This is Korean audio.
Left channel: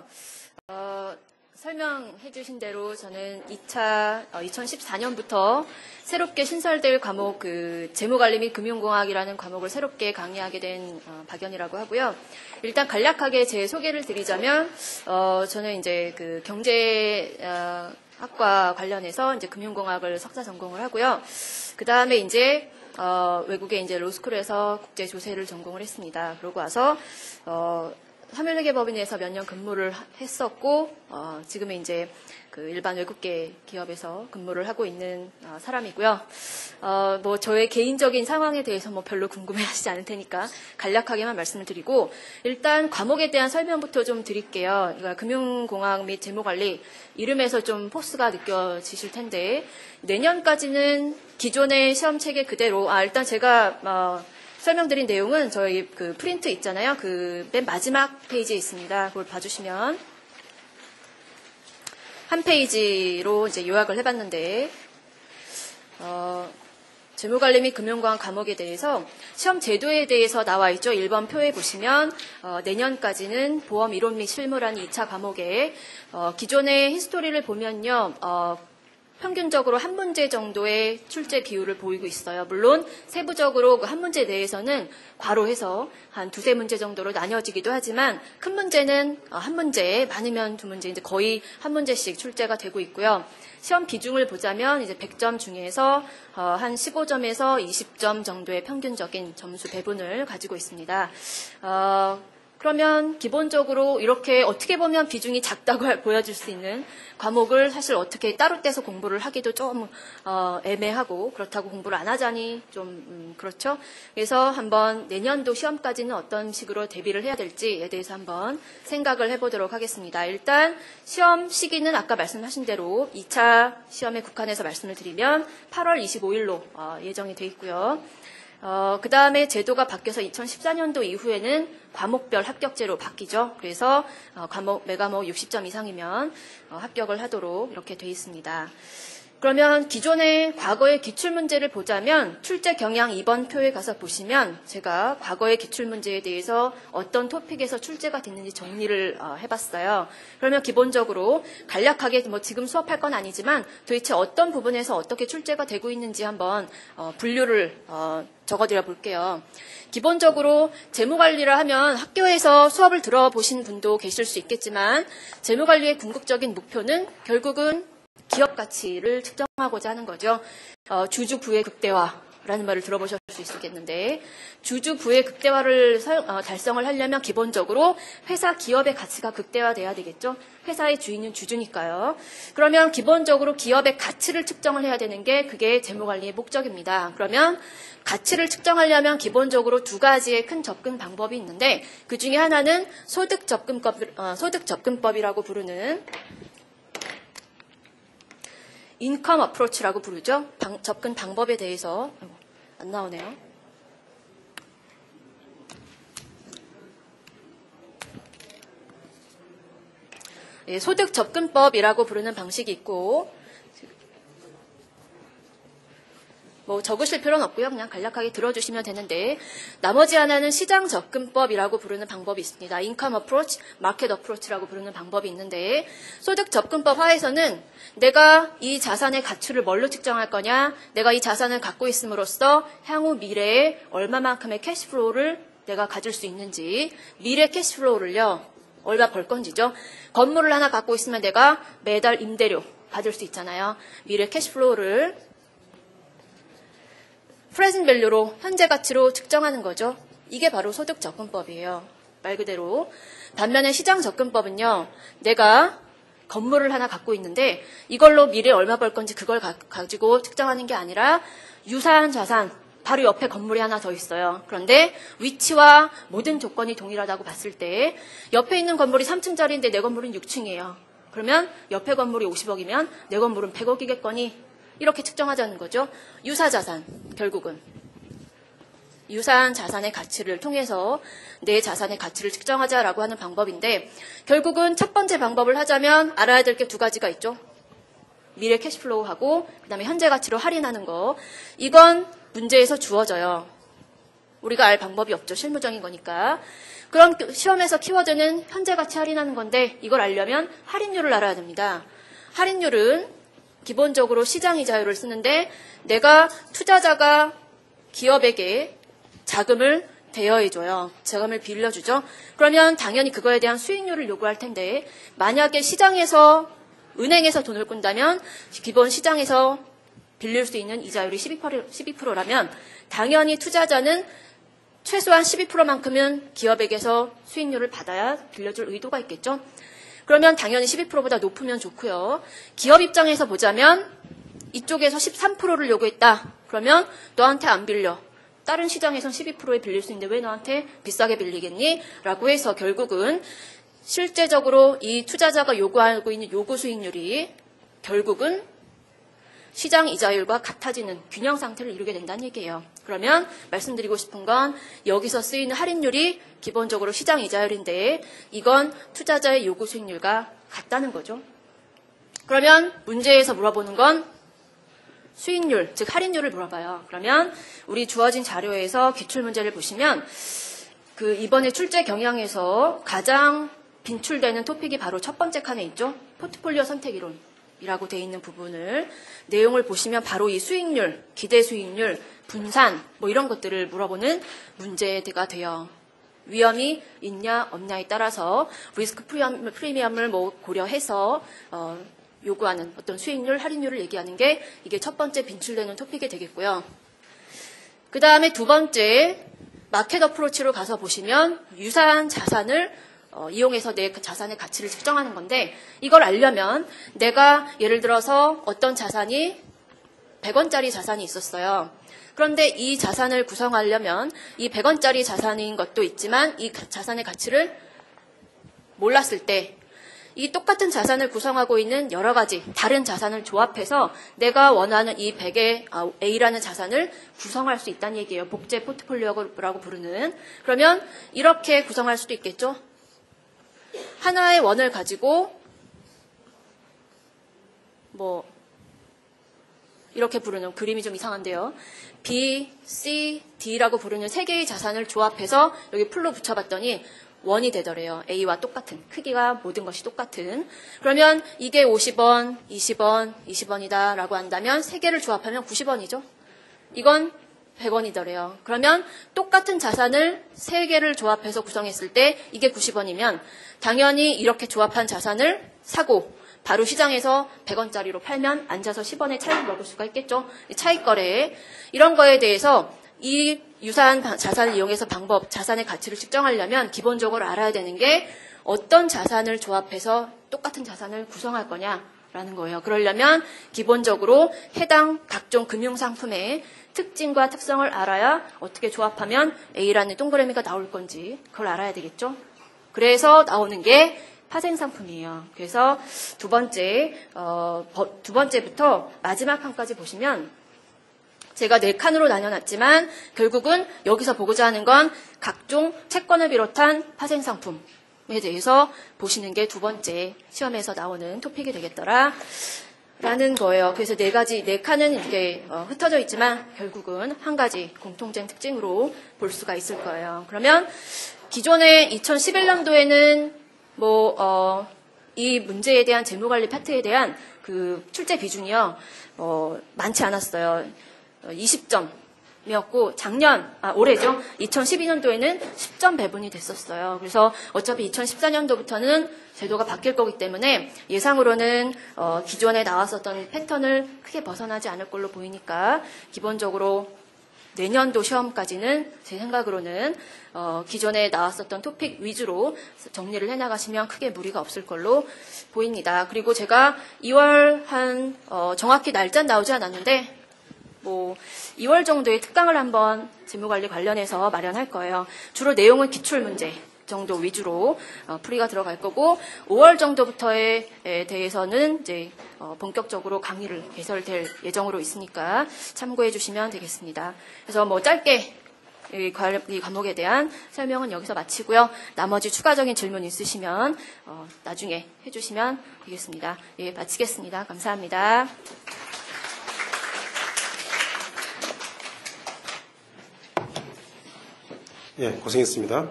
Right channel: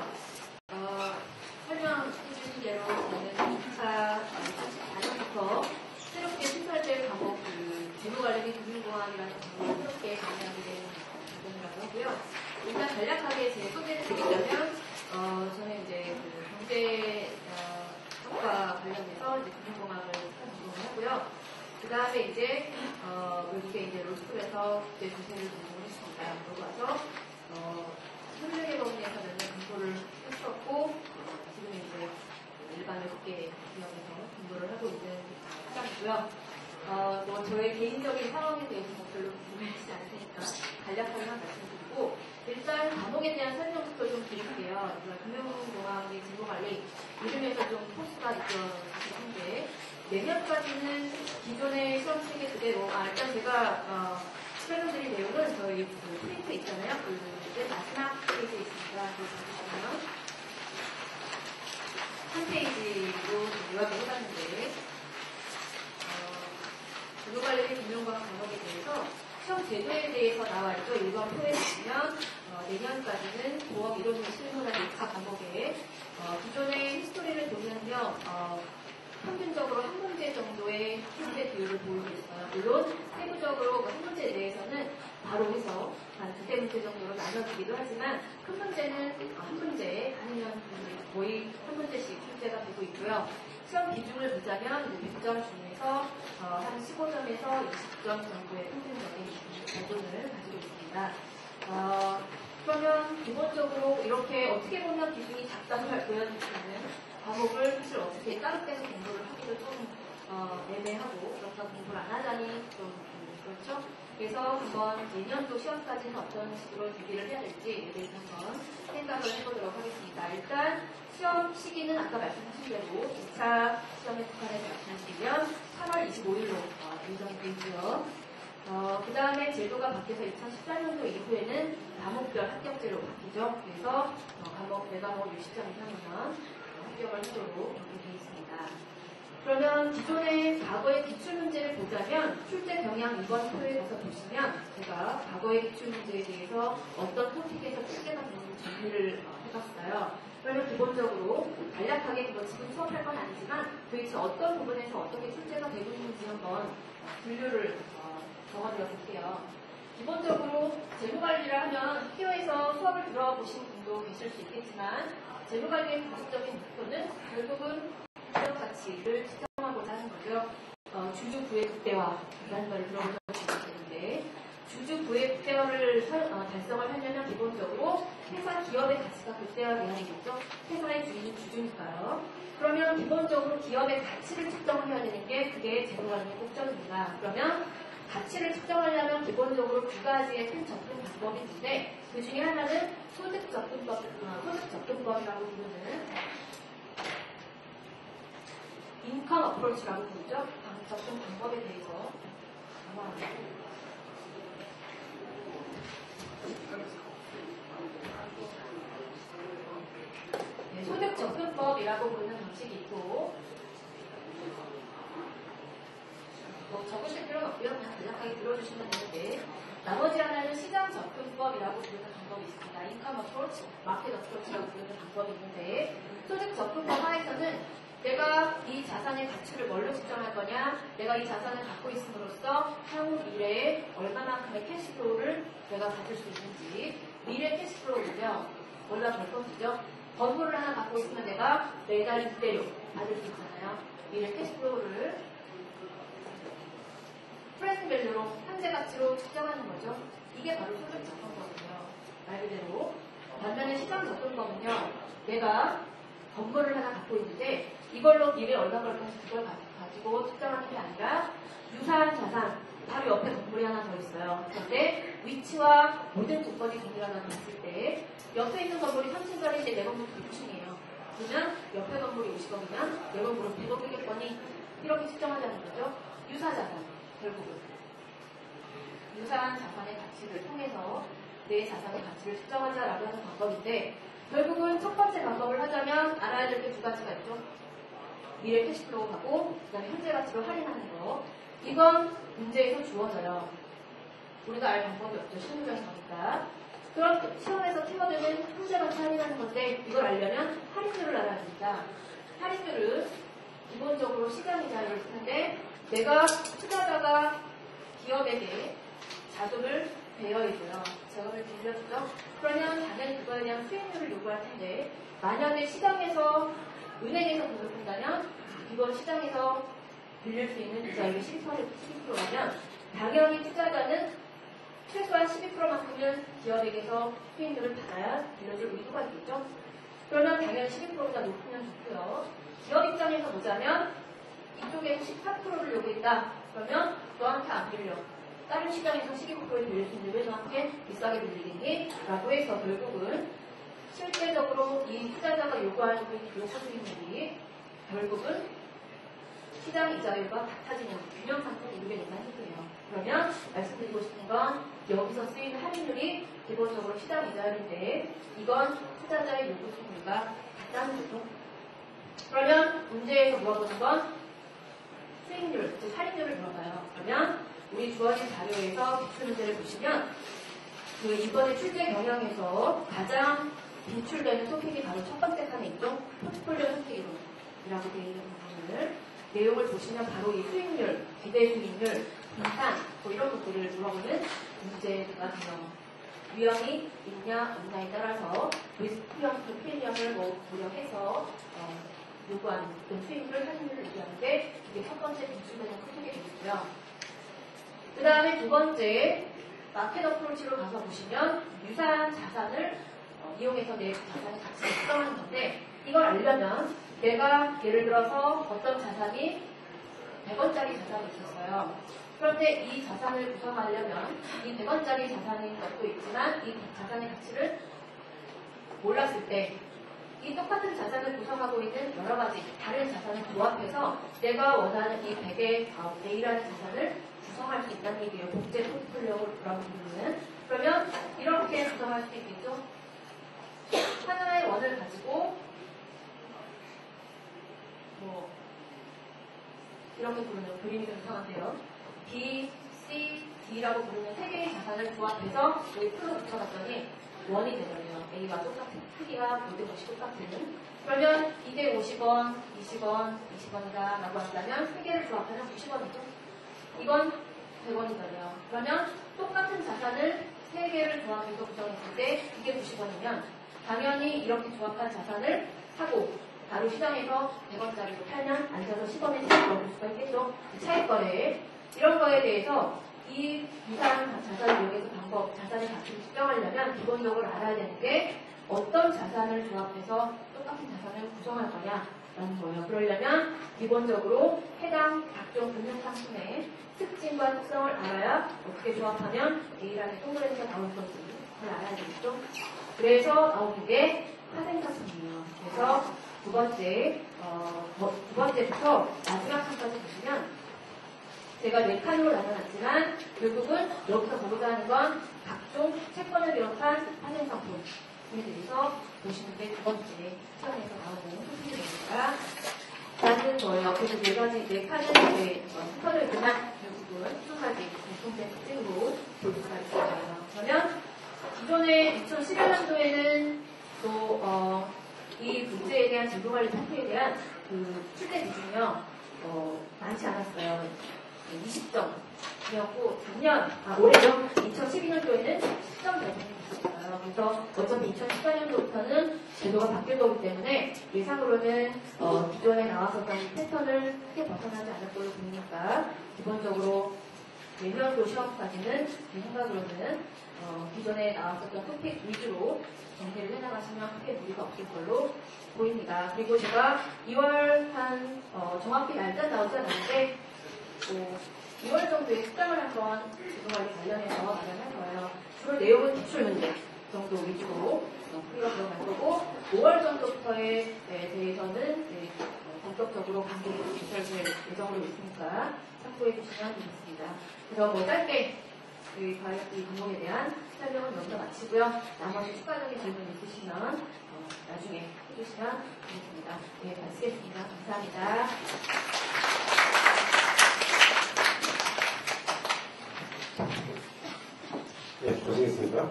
하고요. 설명해 주신 대로 저는 2014년부터 새롭게 신설될 과목 재무관리 및 금융공학이라는 과목을 새롭게 강의하게 된 박연이라고 하고요. 일단 간략하게 제 소개를 드리자면 저는 이제 경제학과 관련해서 이제 금융공학을 석사 전공을 하고요. 그 다음에 이제 외국에 이제 로스쿨에서 국제조세를 전공을 했습니다. 그러고 와서 삼일회계법인에서 몇 년 근무를 했었고 지금은 이제 일반 외국계 기업에서 근무를 하고 있는 사람이고요. 저의 개인적인 상황에 대해서 별로 궁금해하시지 않을 테니까 간략하게만 말씀을 드리고 일단 과목에 대한 설명부터 좀 드릴게요. 그러니까 금융공학 및 재무관리 이름에서 좀 포스가 느껴지실 텐데 내년까지는 기존의 시험 체계 그대로 일단 제가 설명드린 내용은 저희 프린트 있잖아요. 맨 마지막 페이지에 있습니다. 그걸 봐주시면 한 페이지로 이제 요약을 해봤는데 재무관리 및 금융공학 과목에 대해서 시험 제도에 대해서 나와 있죠. 1번 표에 보시면 내년까지는 보험 이론 및 실무라는 2차 과목에 기존의 히스토리를 보면요. 평균적으로 한 문제 정도의 출제 비율을 보이고 있어요. 물론 세부적으로 그 한 문제 내에서는 바로 해서 한 두세 문제 정도로 나뉘어지기도 하지만 큰 문제는 한 문제, 많으면 두 문제, 이제 거의 한 문제씩 출제가 되고 있고요. 시험 비중을 보자면 이제 100점 중에서 한 15점에서 20점 정도의 평균적인 점수 배분을 가지고 있습니다. 그러면 기본적으로 이렇게 어떻게 보면 비중이 작다고 보여질 수 있는 과목을 사실 어떻게 따로 떼서 공부를 하기도 좀 애매하고 그렇다고 공부를 안 하자니 좀 그렇죠. 그래서 한번 내년도 시험까지는 어떤 식으로 대비를 해야 될지에 대해서 한번 생각을 해보도록 하겠습니다. 일단 시험 시기는 아까 말씀하신 대로 2차 시험에 국한해서 말씀을 드리면 8월 25일로 예정이 되어 있고요. 그 다음에 제도가 바뀌어서 2014년도 이후에는 과목별 합격제로 바뀌죠. 그래서 매과목 60점 이상이면 합격을 하도록 이렇게 되어 있습니다. 그러면 기존의 과거의 기출문제를 보자면 출제 경향 2번 표에 가서 보시면 제가 과거의 기출문제에 대해서 어떤 토픽에서 출제가 됐는지 정리를 해봤어요. 그러면 기본적으로 간략하게 지금 수업할 건 아니지만 도대체 어떤 부분에서 어떻게 출제가 되고 있는지 한번 분류를 적어드려 볼게요. 기본적으로 재무관리를 하면 학교에서 수업을 들어보신 분도 계실 수 있겠지만 재무관리의 궁극적인 목표는 결국은 기업 가치를 측정하고자 하는 거죠. 주주 부의 극대화라는 말을 들어보셨을 수 있겠는데 주주 부의 극대화를 달성을 하려면 기본적으로 회사 기업의 가치가 극대화돼야 되겠죠. 회사의 주인은 주주니까요. 그러면 기본적으로 기업의 가치를 측정을 해야 되는 게 그게 재무관리의 목적입니다. 그러면 가치를 측정하려면 기본적으로 두 가지의 큰 접근 방법이 있는데 그 중에 하나는 소득 접근법이라고 부르는 인컴 어프로치라고 부르죠. 접근 방법에 대해서 안 나오네요. 소득 접근법이라고 부르는 방식이 있고 적으실 필요는 없고요. 그냥 간략하게 들어주시면 되는데 나머지 하나는 시장 접근법이라고 부르는 방법이 있습니다. 인컴 어프로치, 마켓 어프로치라고 부르는 방법이 있는데 소득 접근법 하에서는 내가 이 자산의 가치를 뭘로 측정할 거냐, 내가 이 자산을 갖고 있음으로써 향후 미래에 얼마만큼의 캐시플로우를 내가 가질 수 있는지, 미래 캐시플로우를요 얼마 벌 건지죠. 건물을 하나 갖고 있으면 내가 매달 임대료 받을 수 있잖아요. 미래 캐시플로우를 프레젠트 밸류로 현재 가치로 측정하는 거죠. 이게 바로 소득 접근법이에요. 말 그대로. 반면에 시장 접근법은요. 내가 건물을 하나 갖고 있는데 이걸로 미래에 얼마 벌 건지 그걸 가지고 측정하는 게 아니라 유사한 자산, 바로 옆에 건물이 하나 더 있어요. 그런데 위치와 모든 조건이 동일하다고 봤을 때 옆에 있는 건물이 3층짜리인데 내 건물은 6층이에요. 그러면 옆에 건물이 50억이면 내 건물은 100억이겠거니 이렇게 측정하자는 거죠. 유사자산, 결국은 유사한 자산의 가치를 통해서 내 자산의 가치를 측정하자라고 하는 방법인데 결국은 첫 번째 방법을 하자면 알아야 될 게 두 가지가 있죠. 미래 캐시플로우하고 그다음에 현재 가치로 할인하는 거. 이건 문제에서 주어져요. 우리가 알 방법이 없죠. 실무적인 거니까. 그럼 시험에서 키워드는 현재 가치 할인하는 건데 이걸 알려면 할인율을 알아야 됩니다. 할인율은 기본적으로 시장 이자율을 쓰는데 내가 투자자가 기업에게 자금을 대여해줘요. 자금을 빌려주죠. 그러면 당연히 그거에 대한 수익률을 요구할 텐데 만약에 시장에서 은행에서 돈을 꾼다면 기본 시장에서 빌릴 수 있는 이자율이 12%라면 당연히 투자자는 최소한 12%만큼은 기업에게서 수익률을 받아야 빌려줄 의도가 있겠죠. 그러면 당연히 12%보다 높으면 좋고요. 기업 입장에서 보자면 이쪽에서 13%를 요구했다. 그러면 너한테 안 빌려. 다른 시장에선 12%에 빌릴 수 있는데 왜 너한테 비싸게 빌리겠니? 라고 해서 결국은 실제적으로 이 투자자가 요구하고 있는 요구 수익률이 결국은 시장 이자율과 같아지는 균형 상태를 이루게 된다는 얘기예요. 그러면 말씀드리고 싶은 건 여기서 쓰이는 할인율이 기본적으로 시장 이자율인데 이건 투자자의 요구 수익률과 같다는 거죠. 그러면 문제에서 물어보는 건 수익률, 즉 할인율을 물어봐요. 그러면 우리 주어진 자료에서 기출문제를 보시면 그 이번에 출제 경향에서 가장 빈출되는 토픽이 바로 첫 번째 칸에 있죠. 포트폴리오 선택 이론이라고 되어 있는 부분을 내용을 보시면 바로 이 수익률, 기대 수익률, 분산 뭐 이런 것들을 물어보는 문제가 돼요. 위험이 있냐 없냐에 따라서 리스크 프리미엄을 뭐 고려해서 요구하는 어떤 수익률, 할인율을 얘기하는 게 이게 첫 번째 빈출되는 토픽이 되겠고요. 그 다음에 두 번째 마켓 어프로치로 가서 보시면 유사한 자산을 이용해서 내 자산의 가치를 측정하는 건데 이걸 알려면 내가 예를 들어서 어떤 자산이 100원짜리 자산이 있었어요. 그런데 이 자산을 구성하려면 이 100원짜리 자산인 것도 있지만 이 자산의 가치를 몰랐을 때 이 똑같은 자산을 구성하고 있는 여러 가지 다른 자산을 조합해서 내가 원하는 이 100의 A라는 자산을 구성할 수 있다는 얘기예요. 복제 포트폴리오라고 부르는. 그러면 이렇게 구성할 수도 있겠죠. 하나의 원을 가지고 뭐 이렇게 부르는 그림이 좀 이상한데요. B, C, D라고 부르는 세 개의 자산을 조합해서 여기 풀로 붙여봤더니 원이 되더래요. A와 똑같은 크기가 모든 것이 똑같은. 그러면 이게 50원, 20원, 20원이다 라고 한다면 세 개를 조합하면 90원이죠. 이건 100원이더래요. 그러면 똑같은 자산을 세 개를 조합해서 구성했을 때 이게 90원이면 당연히 이렇게 조합한 자산을 사고 바로 시장에서 100원짜리로 팔면 앉아서 10원의 차익을 먹을 수가 있겠죠. 차익 거래 이런 거에 대해서 이 유사한 자산을 이용해서 자산의 가치를 측정하려면 기본적으로 알아야 되는 게 어떤 자산을 조합해서 똑같은 자산을 구성할 거냐라는 거예요. 그러려면 기본적으로 해당 각종 금융상품의 특징과 특성을 알아야 어떻게 조합하면 A라는 동그라미가 나올 건지 그걸 알아야 되겠죠. 그래서 나오는 게 파생상품이에요. 그래서 두 번째부터 마지막 칸까지 보시면 제가 4칸으로 나눠놨지만 결국은 여기서 보고자 하는 건 각종 채권을 비롯한 파생상품에 대해서 보시는 게 두 번째 시험에서 나오는 토픽이 되겠더라 라는 거예요. 그래서 4칸은 이렇게 흩어져 있지만 결국은 한 가지 공통된 특징으로 볼 수가 있을 거예요. 그러면 기존에 2011년도에는 이 문제에 대한 재무관리 파트에 대한 그 출제 비중이요 많지 않았어요. 20점이었고 올해죠. 2012년도에는 10점 배분이 됐었어요. 그래서 어차피 2014년도부터는 제도가 바뀔 거기 때문에 예상으로는 기존에 나왔었던 패턴을 크게 벗어나지 않을 걸로 보이니까 기본적으로 내년도 시험까지는 제 생각으로는 기존에 나왔었던 토픽 위주로 정리를 해나가시면 크게 무리가 없을 걸로 보입니다. 그리고 제가 2월 정확히 날짜는 나오지 않았는데 2월 정도에 특강을 한번 재무관리 관련해서 마련할 거예요. 주로 내용은 기출문제 정도 위주로 풀이가 들어갈 거고 5월 정도부터에 대해서는 이제 본격적으로 강의를 개설될 예정으로 있으니까 참고해 주시면 되겠습니다. 그래서 짧게 이 과목에 대한 설명은 여기서 마치고요. 나머지 추가적인 질문 있으시면 나중에 해주시면 되겠습니다. 마치겠습니다. 감사합니다. 고생했습니다.